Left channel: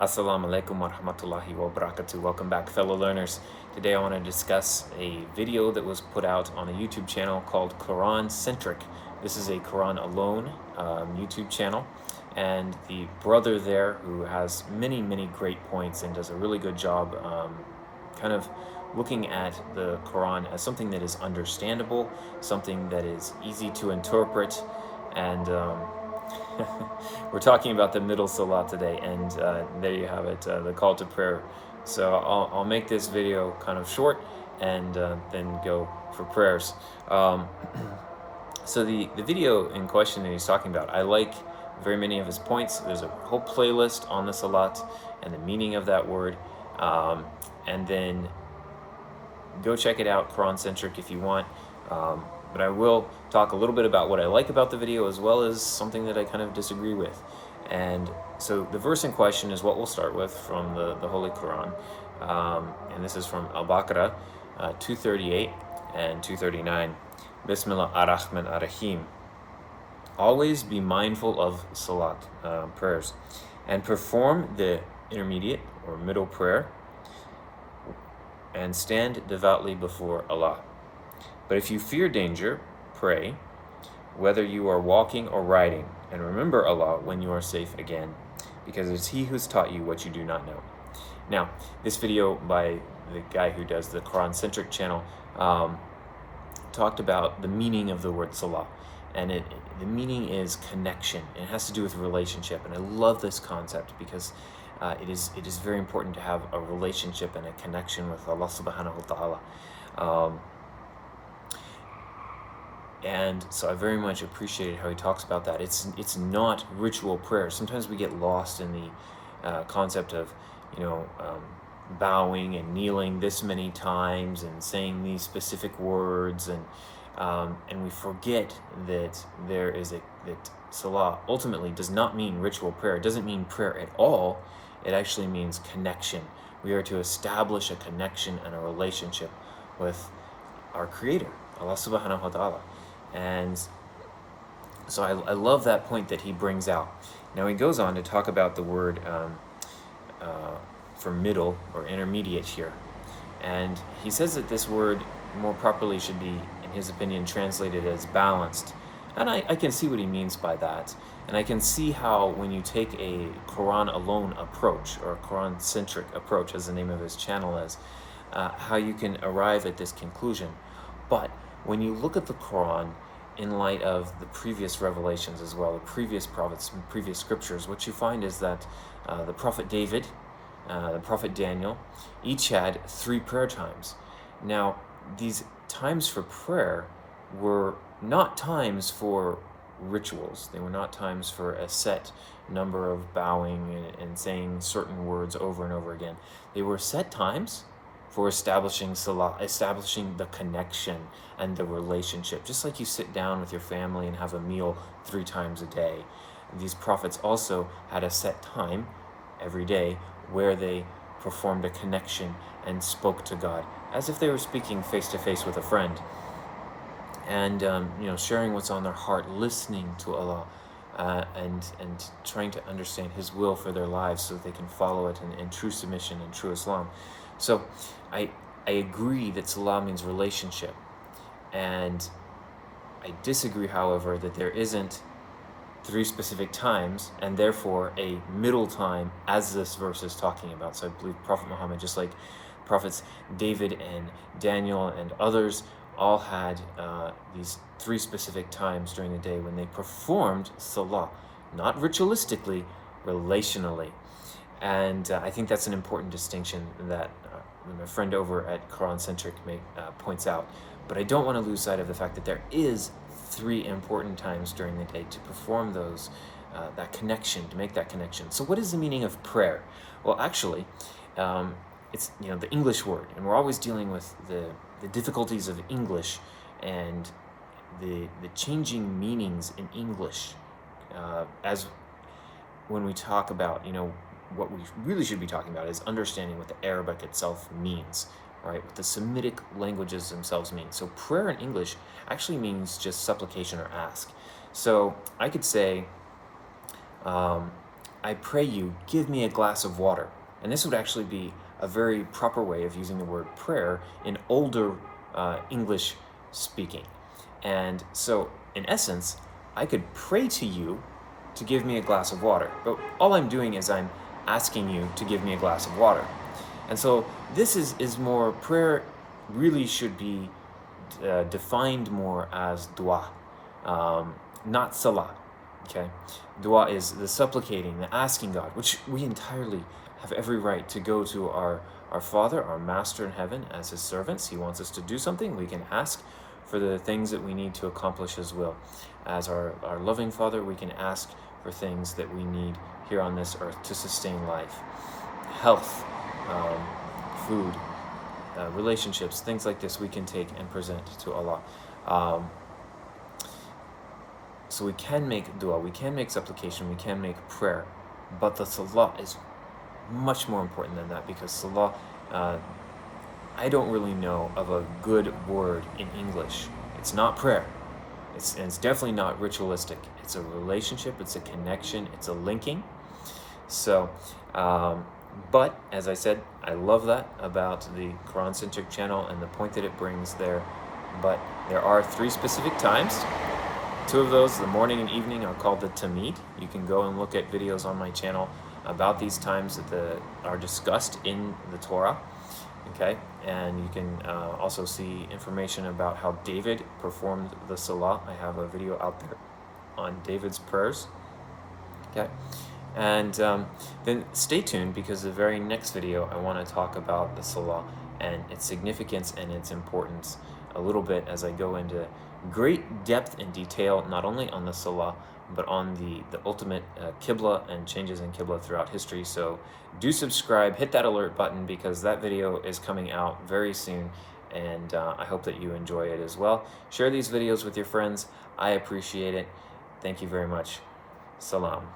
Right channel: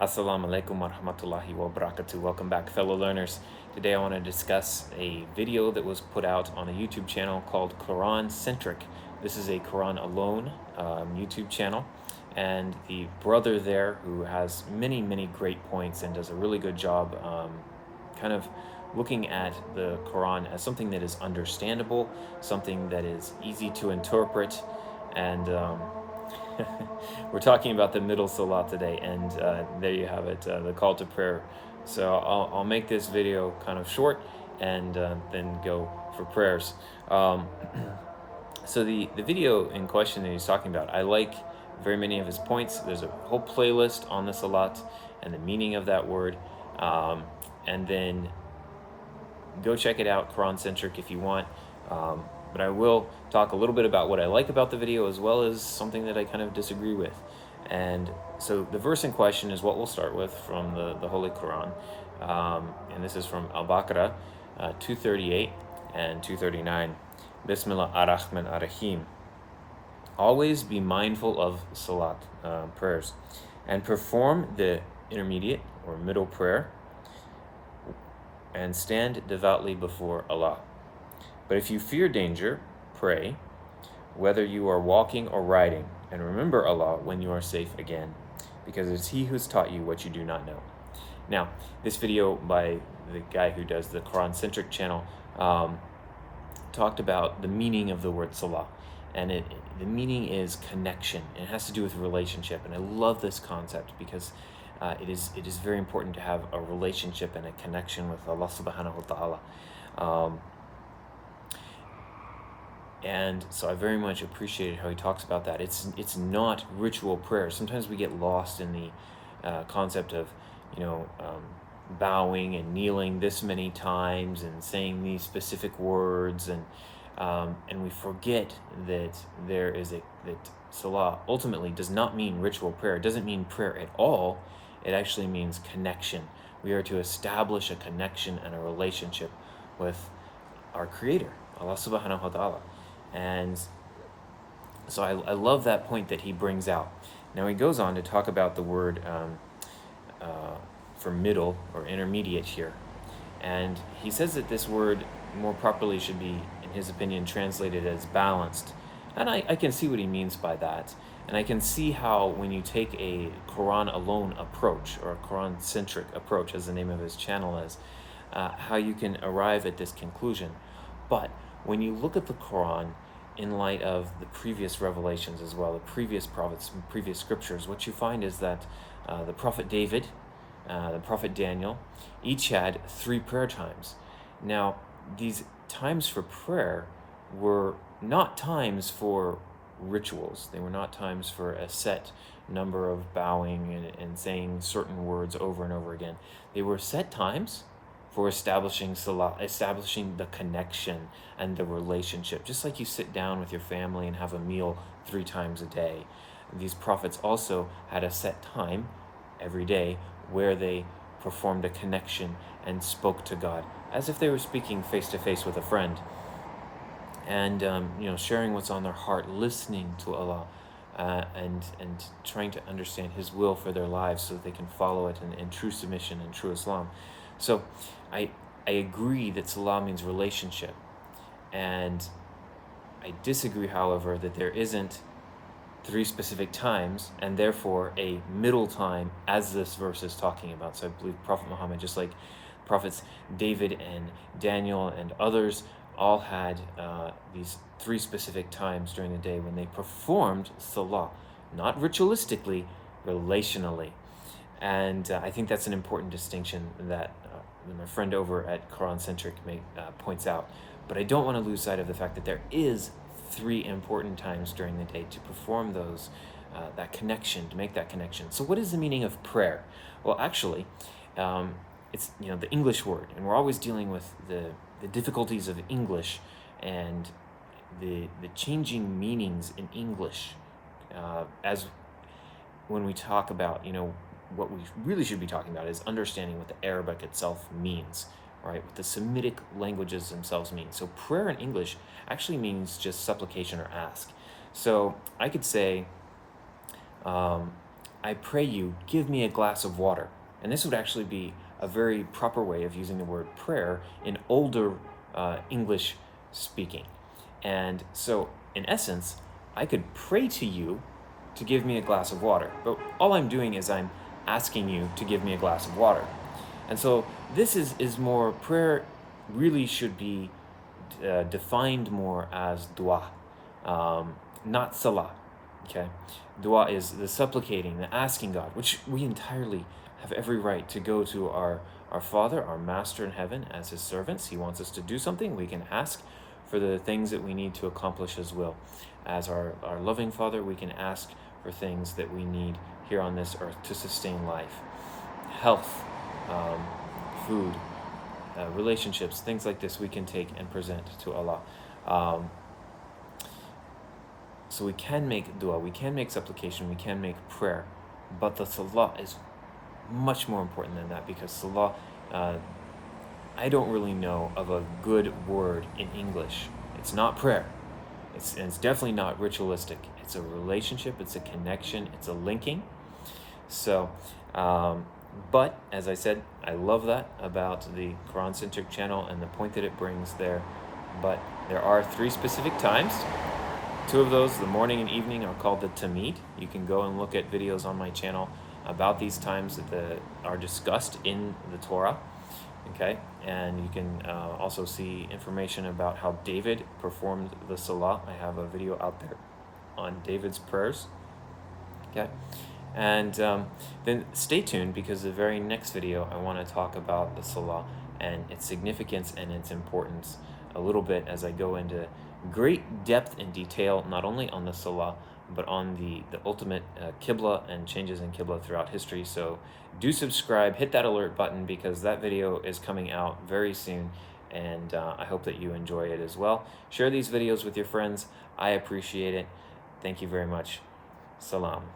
Assalamu alaikum wa rahmatullahi wa barakatuh. Welcome back, fellow learners. Today I want to discuss a video that was put out on a YouTube channel called Quran Centric. This is a Quran Alone YouTube channel, and the brother there, who has many great points and does a really good job kind of looking at the Quran as something that is understandable, something that is easy to interpret, and we're talking about the middle salat today, and there you have it, the call to prayer. So I'll make this video kind of short and then go for prayers. Um, so the video in question that he's talking about, I like very many of his points. There's a whole playlist on the salat and the meaning of that word. And then go check it out, Quran Centric, if you want. But I will talk a little bit about what I like about the video as well as something that I kind of disagree with. And so the verse in question is what we'll start with from the Holy Quran. And this is from Al Baqarah 238 and 239. Bismillah ar-Rahman ar-Rahim. Always be mindful of salat, prayers, and perform the intermediate or middle prayer and stand devoutly before Allah. But if you fear danger, pray, whether you are walking or riding, and remember Allah when you are safe again, because it's He who's taught you what you do not know. Now, this video by the guy who does the Quran-centric channel talked about the meaning of the word salah, and the meaning is connection. It has to do with relationship, and I love this concept because it is very important to have a relationship and a connection with Allah subhanahu wa ta'ala. And so I very much appreciated how he talks about that. It's not ritual prayer. Sometimes we get lost in the concept of, bowing and kneeling this many times and saying these specific words, and we forget that that salah ultimately does not mean ritual prayer. It doesn't mean prayer at all. It actually means connection. We are to establish a connection and a relationship with our Creator, Allah subhanahu wa ta'ala. And so I love that point that he brings out. Now he goes on to talk about the word for middle or intermediate here. And he says that this word more properly should be, in his opinion, translated as balanced. And I can see what he means by that. And I can see how when you take a Quran alone approach, or a Quran-centric approach, as the name of his channel is, how you can arrive at this conclusion. But when you look at the Quran in light of the previous revelations as well, the previous prophets and previous scriptures, what you find is that the Prophet David, the Prophet Daniel, each had 3 prayer times. Now, these times for prayer were not times for rituals. They were not times for a set number of bowing and saying certain words over and over again. They were set times for establishing salah, establishing the connection and the relationship. Just like you sit down with your family and have a meal 3 times a day. And these prophets also had a set time every day where they performed a connection and spoke to God, as if they were speaking face to face with a friend. And sharing what's on their heart, listening to Allah, and trying to understand His will for their lives so that they can follow it in true submission and true Islam. So I agree that salah means relationship, and I disagree, however, that there isn't 3 specific times and therefore a middle time as this verse is talking about. So I believe Prophet Muhammad, just like prophets David and Daniel and others, all had these 3 specific times during the day when they performed salah, not ritualistically, relationally. And I think that's an important distinction that my friend over at Quran Centric points out. But I don't want to lose sight of the fact that there is 3 important times during the day to perform those, that connection, to make that connection. So what is the meaning of prayer? Well, actually, it's the English word, and we're always dealing with the difficulties of English and the changing meanings in English, as when we talk about, what we really should be talking about is understanding what the Arabic itself means, right? What the Semitic languages themselves mean. So prayer in English actually means just supplication or ask. So I could say, I pray you, give me a glass of water. And this would actually be a very proper way of using the word prayer in older English speaking. And so, in essence, I could pray to you to give me a glass of water. But all I'm doing is I'm asking you to give me a glass of water. And so this is more, prayer really should be defined more as dua, not salah. Okay, dua is the supplicating, the asking God, which we entirely have every right to go to our Father, our Master in heaven, as His servants. He wants us to do something. We can ask for the things that we need to accomplish His will. As our loving Father, we can ask for things that we need here on this earth to sustain life, health, food, relationships, things like this we can take and present to Allah. So we can make dua, we can make supplication, we can make prayer, but the salah is much more important than that, because salah, I don't really know of a good word in English. It's not prayer. It's definitely not ritualistic. It's a relationship, it's a connection, it's a linking. So, but as I said, I love that about the Quran-centric channel and the point that it brings there. But there are 3 specific times. 2 of those, the morning and evening, are called the Tamid. You can go and look at videos on my channel about these times that are discussed in the Torah. Okay, and you can also see information about how David performed the Salah. I have a video out there on David's prayers. Okay, and then stay tuned, because the very next video I want to talk about the Salah and its significance and its importance a little bit, as I go into great depth and detail, not only on the Salah, but on the ultimate Qibla and changes in Qibla throughout history. So do subscribe, hit that alert button, because that video is coming out very soon, and I hope that you enjoy it as well. Share these videos with your friends. I appreciate it. Thank you very much. Salam.